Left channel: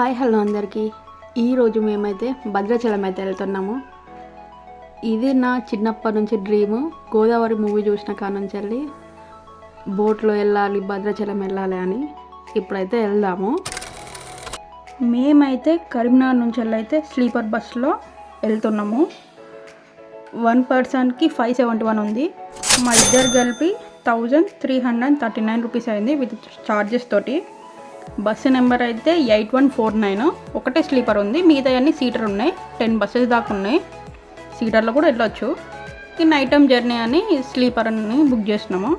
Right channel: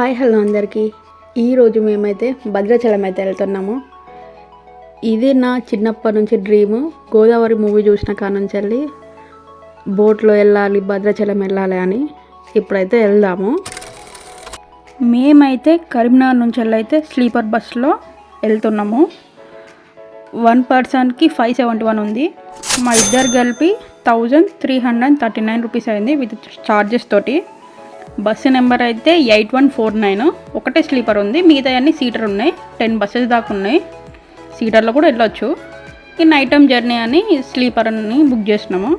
Hi hello అందరికీ. ఈరోజు మేమైతే భద్రాచలం అయితే వెళ్తున్నాము. ఇది నా చిన్నప్పటి నుంచి డ్రీము. గోదావరి మూవీ చూసిన కాడ నుంచి వెళ్ళి బోట్లో వెళ్ళాలి, భద్రాచలం వెళ్ళాలి అని. ఇప్పుడైతే వెళ్దాము. మేమైతే కరీంనగర్ నుంచి వెళ్ళైతే స్లీపర్ బస్లో వెళ్తున్నాము. 1 పర్సన్కి 571 ఉంది. మా ఇద్దరు కలిపి 1339 రూపీస్ అయింది విత్ చార్జెస్ తోటి. బస్సు నెంబర్ అయితే 8149. ఒకటే స్లీపర్ ఉంది, మిగతా అన్ని సీటర్ ఉన్నాయి. 10 బస్సెస్ దాకా ఉన్నాయి. సీటర్లో కూడా వెళ్ళొచ్చు. ఈ నైట్ టైం జర్నీ అని స్లీపర్ అని బుక్ చేసినాము.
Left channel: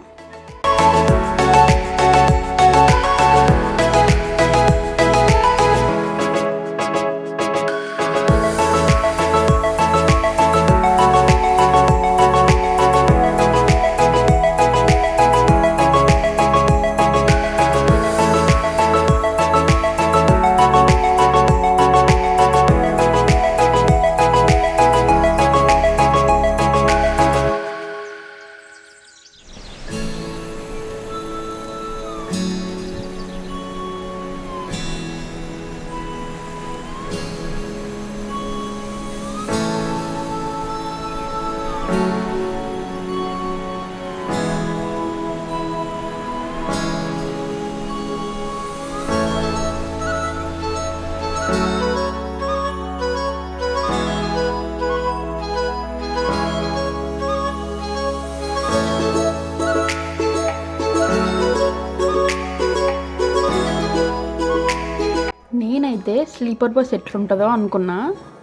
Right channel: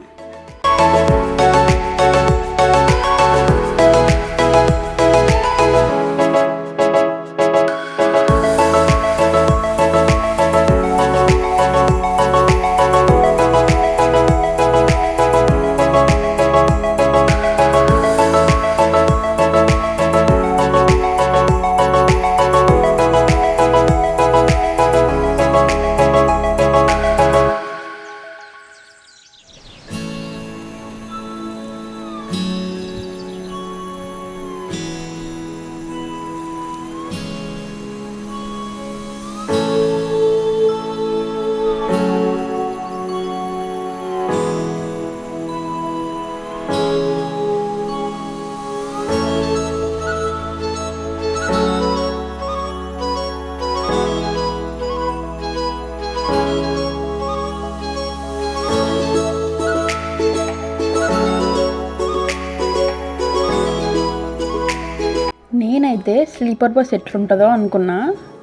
నేనైతే స్లీపర్ బస్ ఎట్లుంటుందో అనుకున్నా,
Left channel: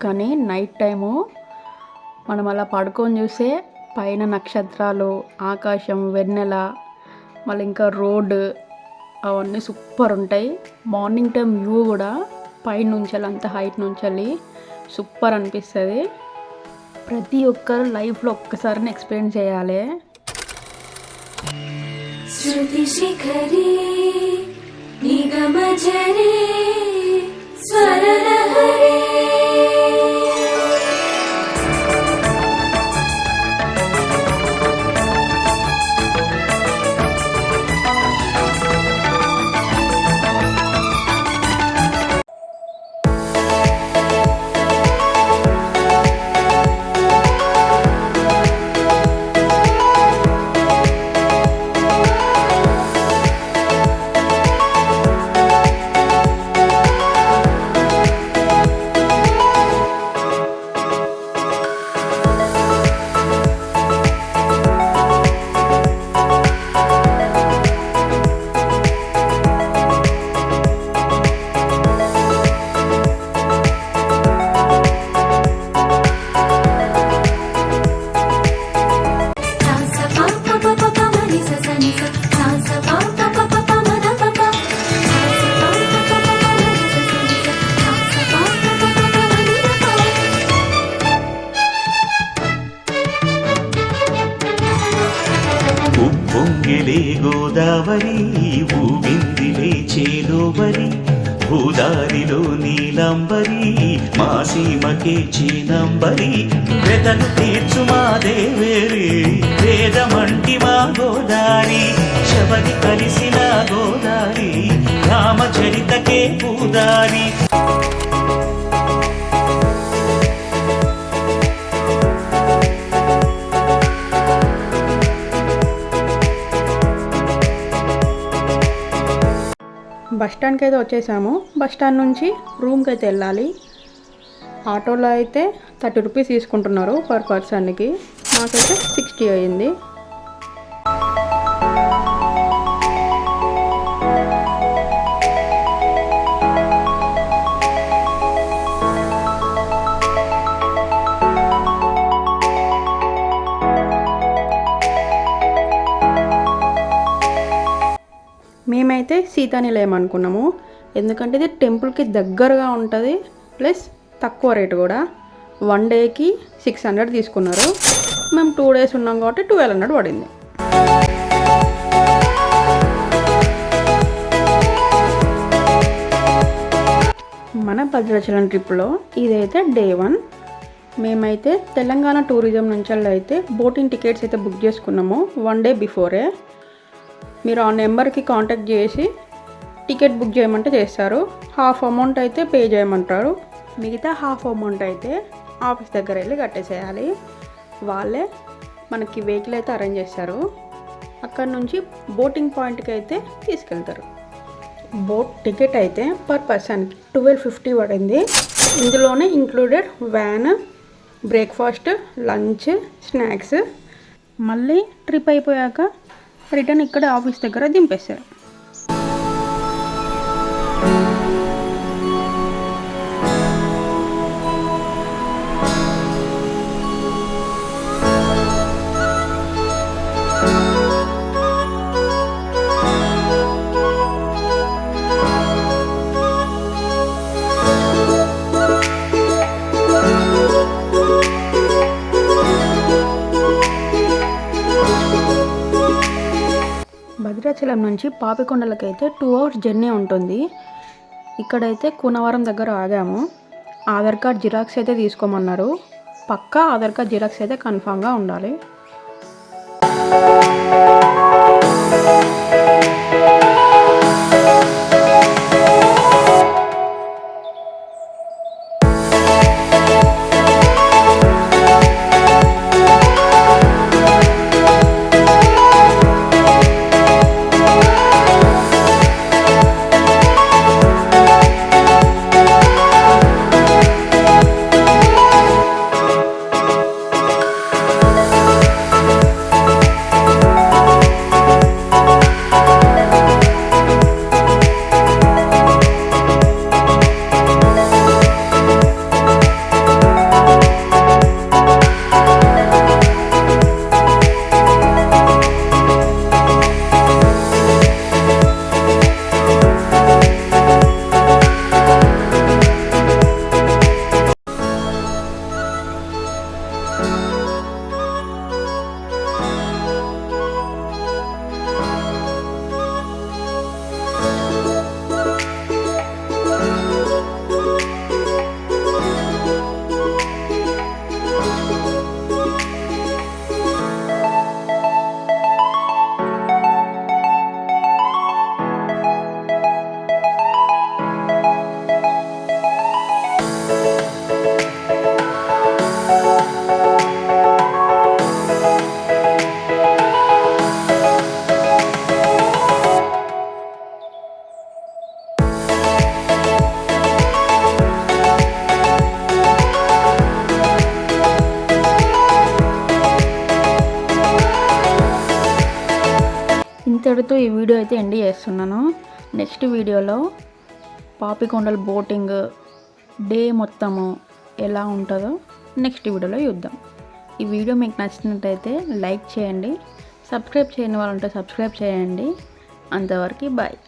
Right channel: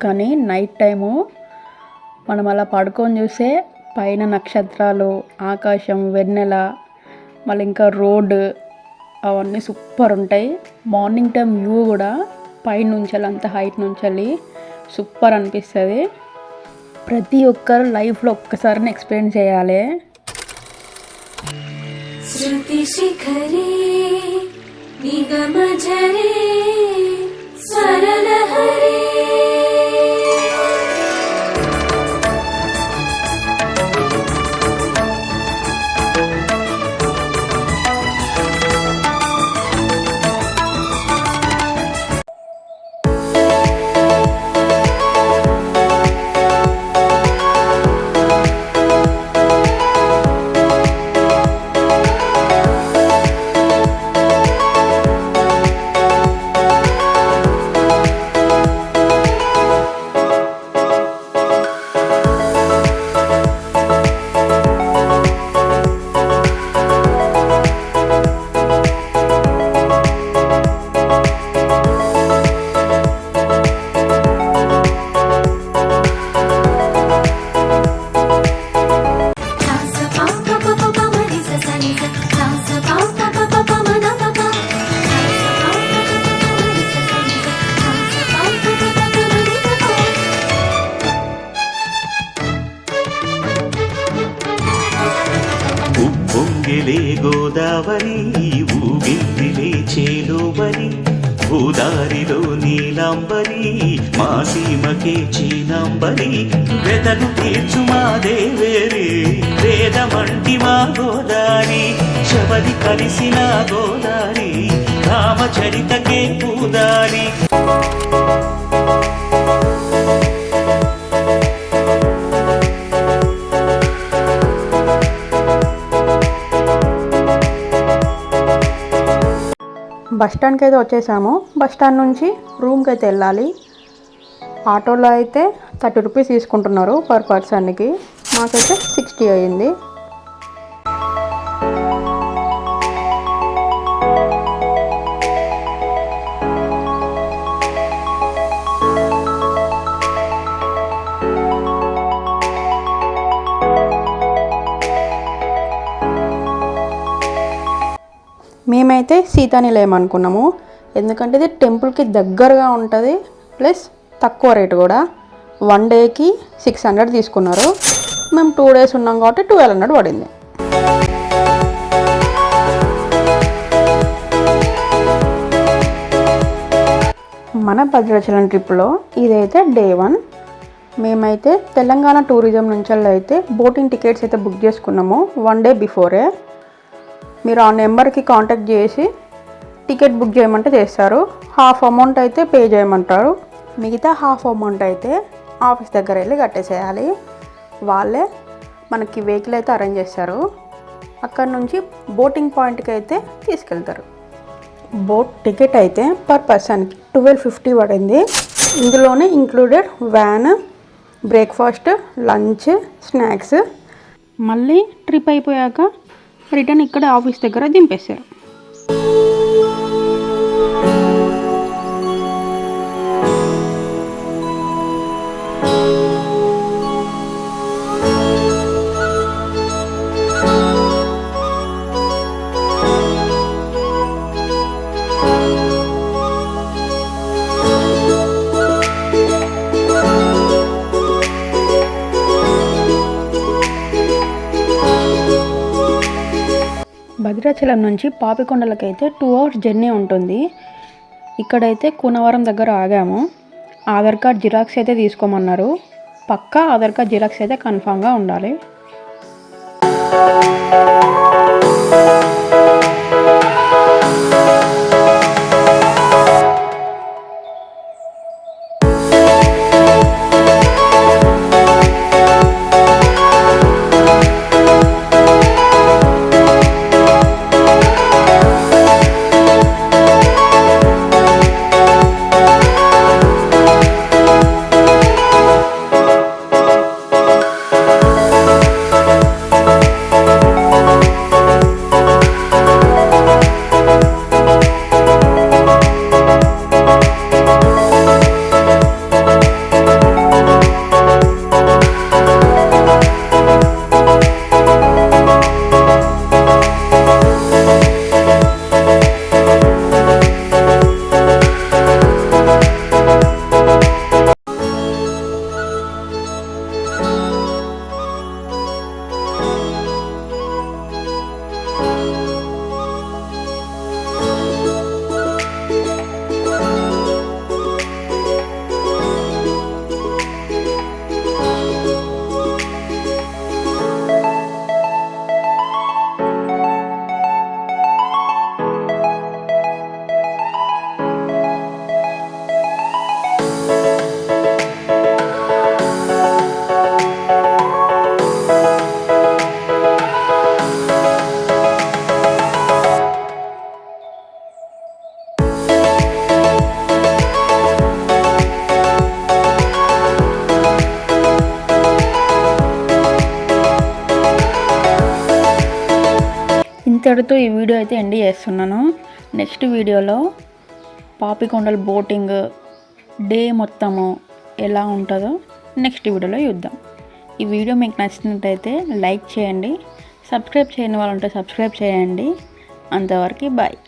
కానీ నైట్ టైము మనం అలా పడుకొని చూస్తే పైన నక్షత్రాలు, ఆకాశం, వెన్నెల, మళ్ళీ ఇంకా రోడ్డు అవన్నీ సూపర్ ఉంటాయి. మార్నింగ్ టైం వ్యూ కూడా పైనుంచి అంత హైట్ నుంచి సూపర్ అనిపిస్తుంది. ప్రతి ఒక్కరు లైఫ్లో ఒక్కసారి ఎక్స్పీరియన్స్ చేయాలి. ఉప్పొంగిలే గోదావరి, ఊగిందిలే చేలోవరి, భూదారిలో నీలాంబరి, మా సీమకే చీనాంబరి, వెతను తీర్చు మా దేవేరి, వేదమంటి మా గోదారి, శబరి కలిసిన గోదారి, రామచరితకే పూదారి. బస్ స్టాండ్కి అయితే వచ్చేసాము. బస్ స్టాండ్ నుంచి రూమ్కి అయితే వెళ్ళాలి. ఆటోలో అయితే 30 రూపీస్ తీసుకుంటున్నారు పర్ పర్సన్కి. మాకైతే 60 అయ్యింది. మేమైతే సీతానిలయం అనుకున్నాము, ఎందుకంటే ఇది టెంపుల్కి దగ్గరగా ఉంటుంది, ప్లస్ తక్కువ రేటు కూడా. 1 డేకి 600 తీసుకున్నారు. మేము 2 డేస్ ఉన్నాం కాబట్టి 1200 పడింది. మన భద్రాచలం ట్రిప్లో ఇదైతే డే 1. మేమైతే తెలంగాణ టూరిజం నుంచి అయితే బోటింగ్ టికెట్స్ అయితే బుక్ చేసుకున్నాము 1 డే బిఫోరే. మీరు ఆ నెంబర్కి కాంటాక్ట్ చేసి టికెట్ బుక్ చేయమంటే చేస్తారు. హాఫ్ అమౌంట్ అయితే పే చేయమంటారు. మిగతా హాఫ్ అమౌంట్ అయితే ఆఫీస్ దగ్గర వెళ్ళి కట్టేసేయాలి. వాళ్ళే మనకి వెహికల్ అయితే అరేంజ్ చేస్తారు. అక్కడ నుంచి బోటింగ్ పాయింట్కి అయితే తీసుకెళ్తారు. బోట్ టికెట్ అయితే పర్ పర్సన్కి 1250 పడింది. ఇందులోనే included van, breakfast, lunch, snacks. మళ్ళీ ట్రిప్ అయిపోయాక రిటర్న్ ఇక్కడ ఆఫీస్ దగ్గర దింపేశారు. భద్రాచలం నుంచి పాపికొండలకైతే 2 hours జర్నీ ఉంటుంది. ఇక్కడైతే కూనవరం దగ్గర ఆగాము. ఆధార్ కార్డ్ జిరాక్స్ అయితే తీసుకోమన్నారు. పక్కా ఆధార్ కార్డ్ జిరాక్స్ అయితే కన్ఫామ్గా ఉండాలి. ఇంతటితో ఈ వీడియో అయితే ఎండ్ చేస్తున్నాను. నెక్స్ట్ వీడియోలో పాపికొండల బోటింగ్ డే మొత్తము ఎలా ఉంటుందో నెక్స్ట్ వీడియోలో చూద్దాం. ఈ వీడియో మీకు నచ్చినట్టయితే లైక్ చేయండి. సబ్స్క్రైబ్ చేయని వాళ్ళు ఉంటే సబ్స్క్రైబ్ చేయండి. అంతవరకు బాయ్.